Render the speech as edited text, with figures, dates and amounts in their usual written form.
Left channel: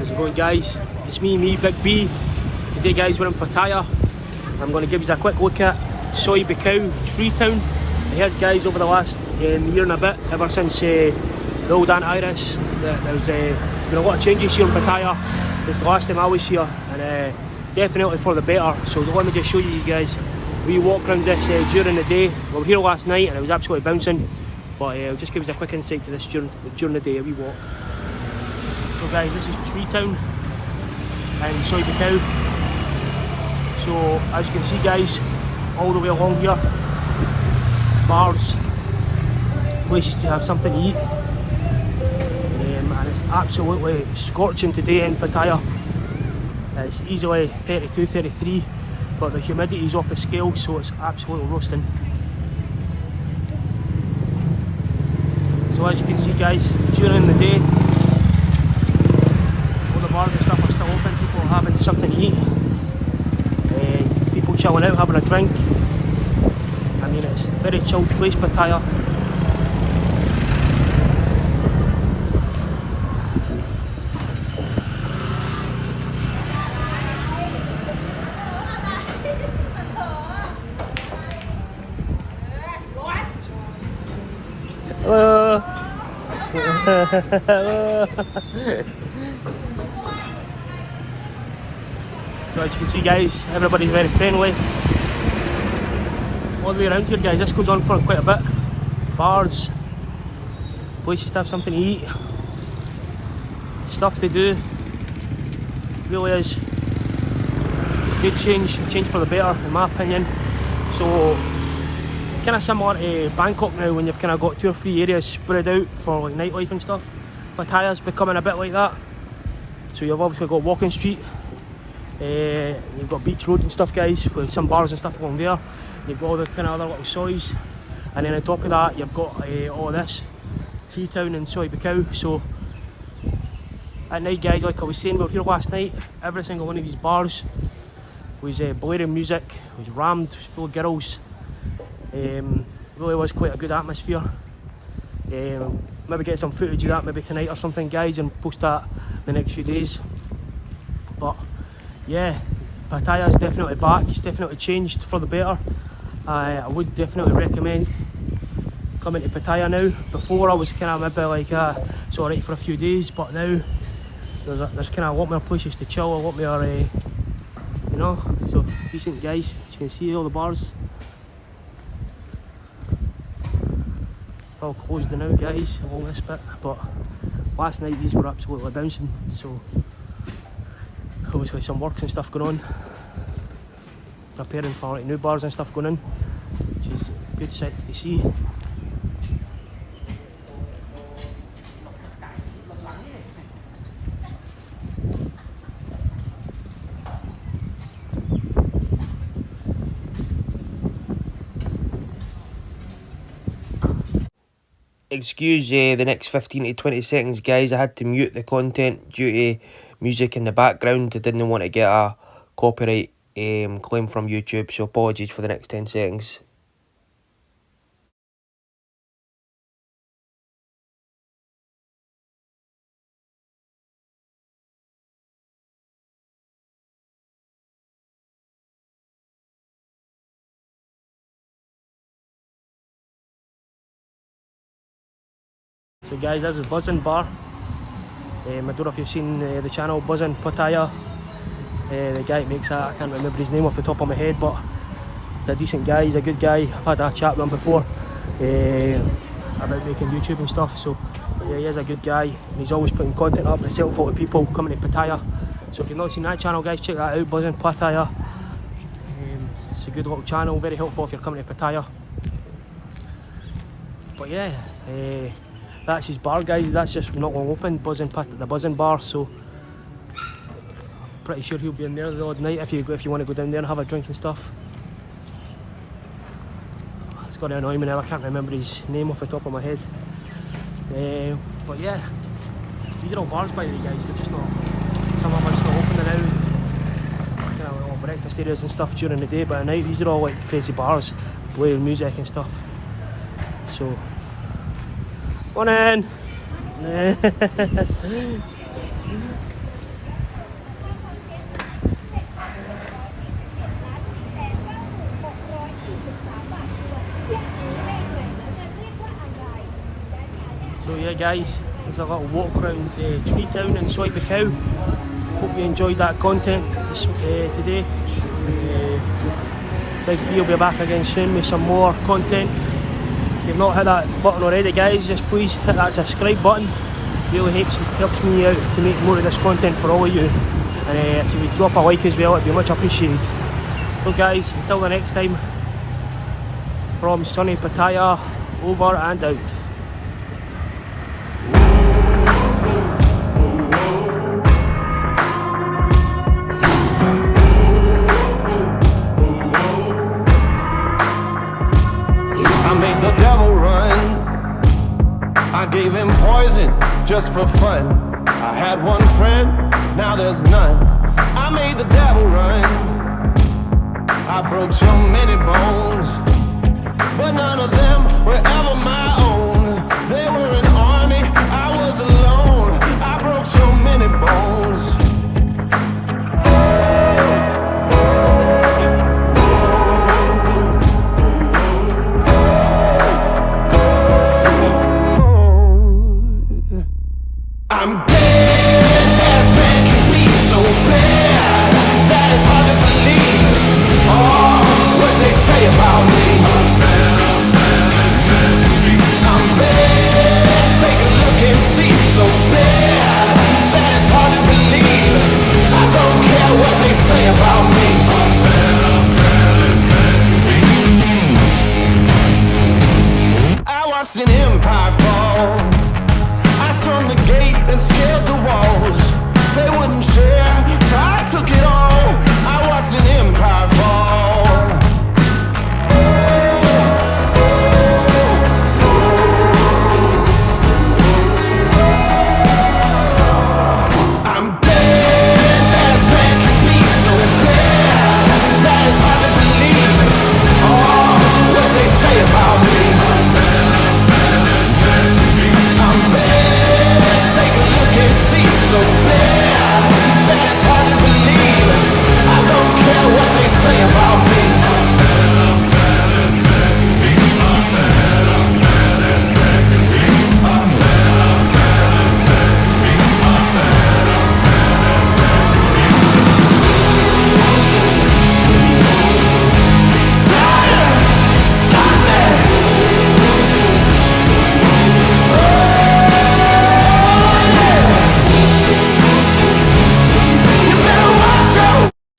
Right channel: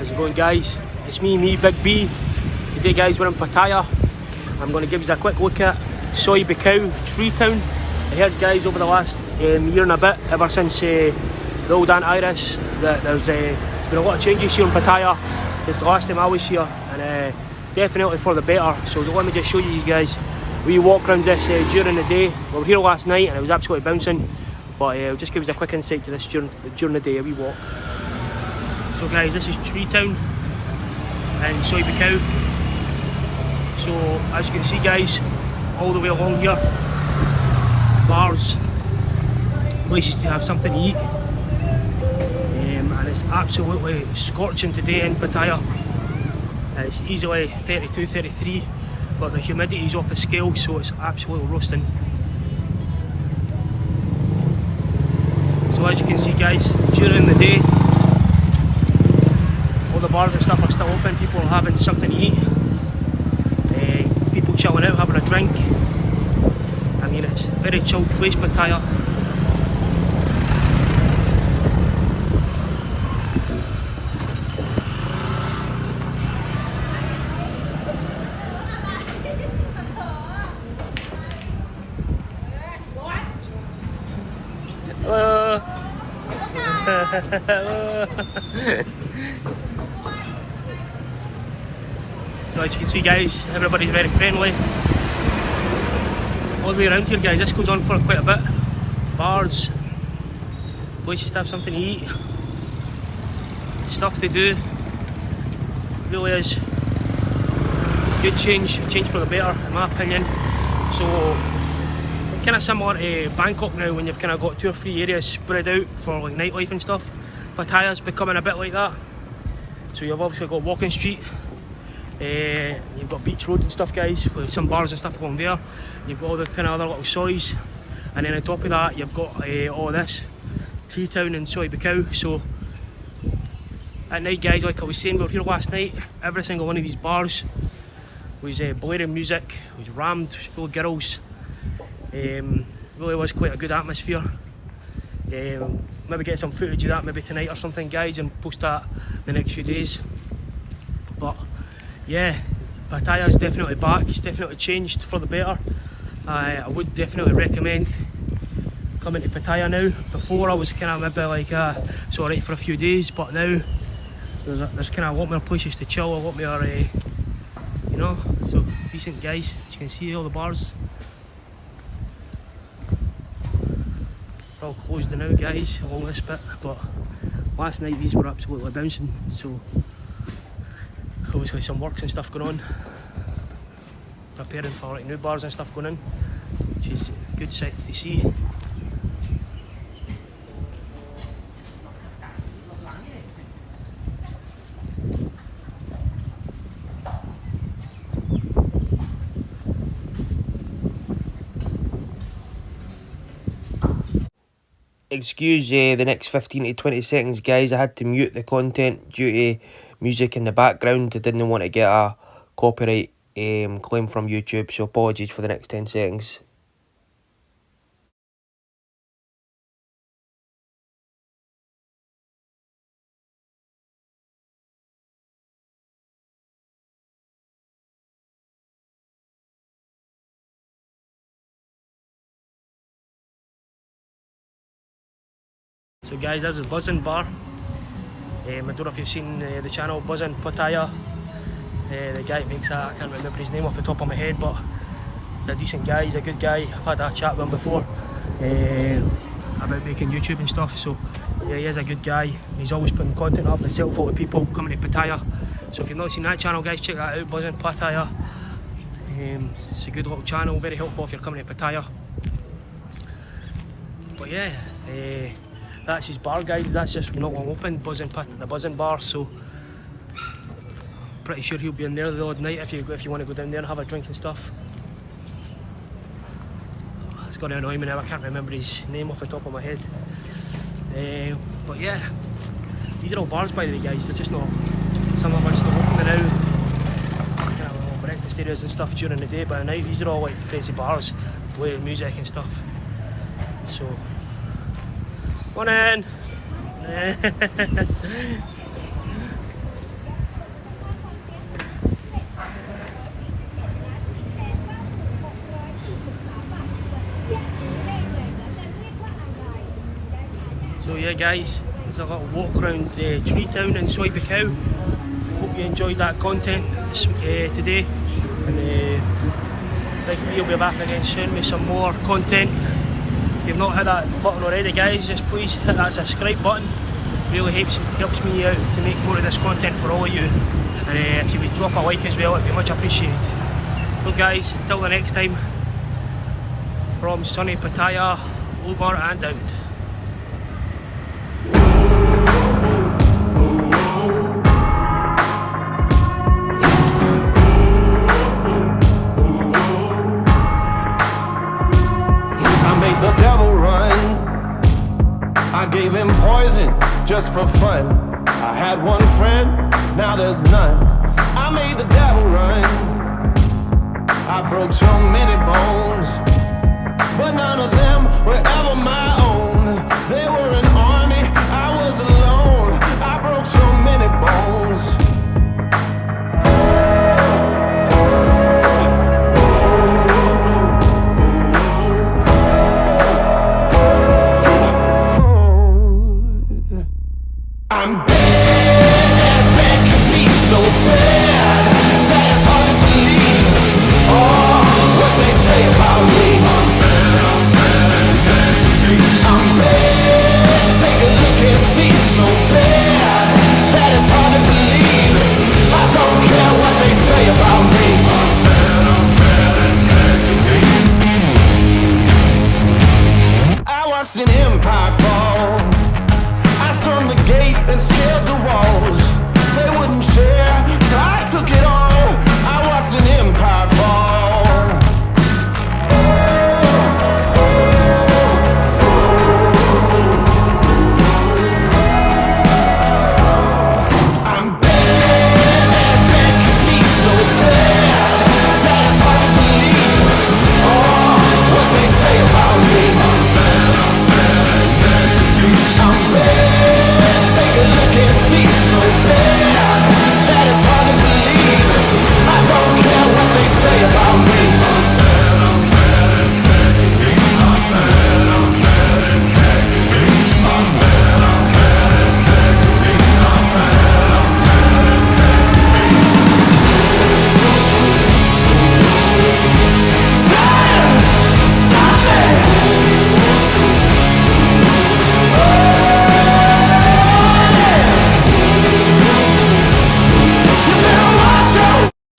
How's it going, guys? It's me, Big B. Today, guys, we're in Pattaya. I'm going to give you a quick look at buakhao, treetown. I heard, guys, over the last year and a bit, ever since the old antivirus, that there's been a lot of changes here in Pattaya since the last time I was here, and definitely for the better. So let me just show you guys. We walk around this during the day. We were here last night and it was absolutely bouncing, but I'll just give us a quick insight to this during the day we walk. So guys, this is treetown and buakhao. So as you can see, guys, all the way along here, bars, places to have something to eat, and it's absolutely scorching today in Pattaya. It's easily 32, 33, but the humidity is off the scale, so it's absolutely roasting. So as you can see, guys, during the day, all the bars and stuff are still open. People are having something to eat, people chilling out, having a drink. I mean, it's a very chilled place, Pattaya. So as you can see, guys, everybody's very friendly all the way around here, guys. This goes on for quite a bit. Bars, places to have something to eat, stuff to do. Really is good change for the better, in my opinion. So kind of similar to Bangkok now, when you've kind of got 2 or 3 areas spread out for like nightlife and stuff. Pattaya's becoming a bit like that. So you've obviously got Walking Street, you've got Beach Road and stuff, guys, with some bars and stuff along there. You've got all the kind of other little soys, and then on top of that you've got all this treetown and buakhao. So at night, guys, like I was saying, we were here last night, every single one of these bars was blaring music, was rammed full of girls. Really was quite a good atmosphere. Maybe get some footage of that maybe tonight or something, guys, and post that the next few days. But yeah, Pattaya's definitely back. It's definitely changed for the better. I would definitely recommend coming to Pattaya now. Before I was kind of maybe like it's alright for a few days, but now there's kind of a lot more places to chill, a lot more you know, so decent, guys. As you can see, all the bars all closed now, guys, along this bit, but last night these were absolutely bouncing. So obviously some works and stuff going on, preparing for like new bars and stuff going in, which is a good sight to see. Excuse the next 15 to 20 seconds, guys. I had to mute the content due to music in the background. I didn't want to get a copyright claim from YouTube, so apologies for the next 10 seconds. So guys, that's the Buzzin bar. I don't know if you've seen the channel Buzzin Pattaya. The guy that makes that, I can't remember his name off the top of my head, but he's a decent guy, he's a good guy. I've had a chat with him before about making YouTube and stuff, so yeah, he is a good guy. He's always putting content up to sell for people coming to Pattaya. So if you've not seen that channel, guys, check that out, Buzzin Pattaya. It's a good little channel, very helpful if you're coming to Pattaya. But yeah, that's his bar, guys. That's just not long open, the Buzzin bar. So pretty sure he'll be in there the odd night if you want to go down there and have a drink and stuff. It's going to annoy me now, I can't remember his name off the top of my head. But yeah, these are all bars, by the way, guys. They're just not, some of them are just not open now. Kind of all breakfast areas and stuff during the day, but at night these are all like crazy bars, playing music and stuff. So come on in. there, guys. There's a little walk around Treetown inside the cow. Hope you enjoyed that content today. And we'll be back again soon with some more content. If you've not hit that button already, guys, just please hit that subscribe button. It really helps me out to make more of this content for all of you. And if you would drop a like as well, it'd be much appreciated. So guys, until the next time, from sunny Pattaya, over and out. I made the devil run. I gave him poison just for fun. I had one friend, now there's none. I made the devil run. I broke so many bones, but none of them were ever my own. They were an army, I was alone. I broke so many bones. I'm bad as bad can be, so bad that it's hard to believe all what they say about me. I'm bad, take a look and see, so bad that it's hard to believe. I don't care what they say about me. I watched an empire fall. I stormed the gate and scaled the walls.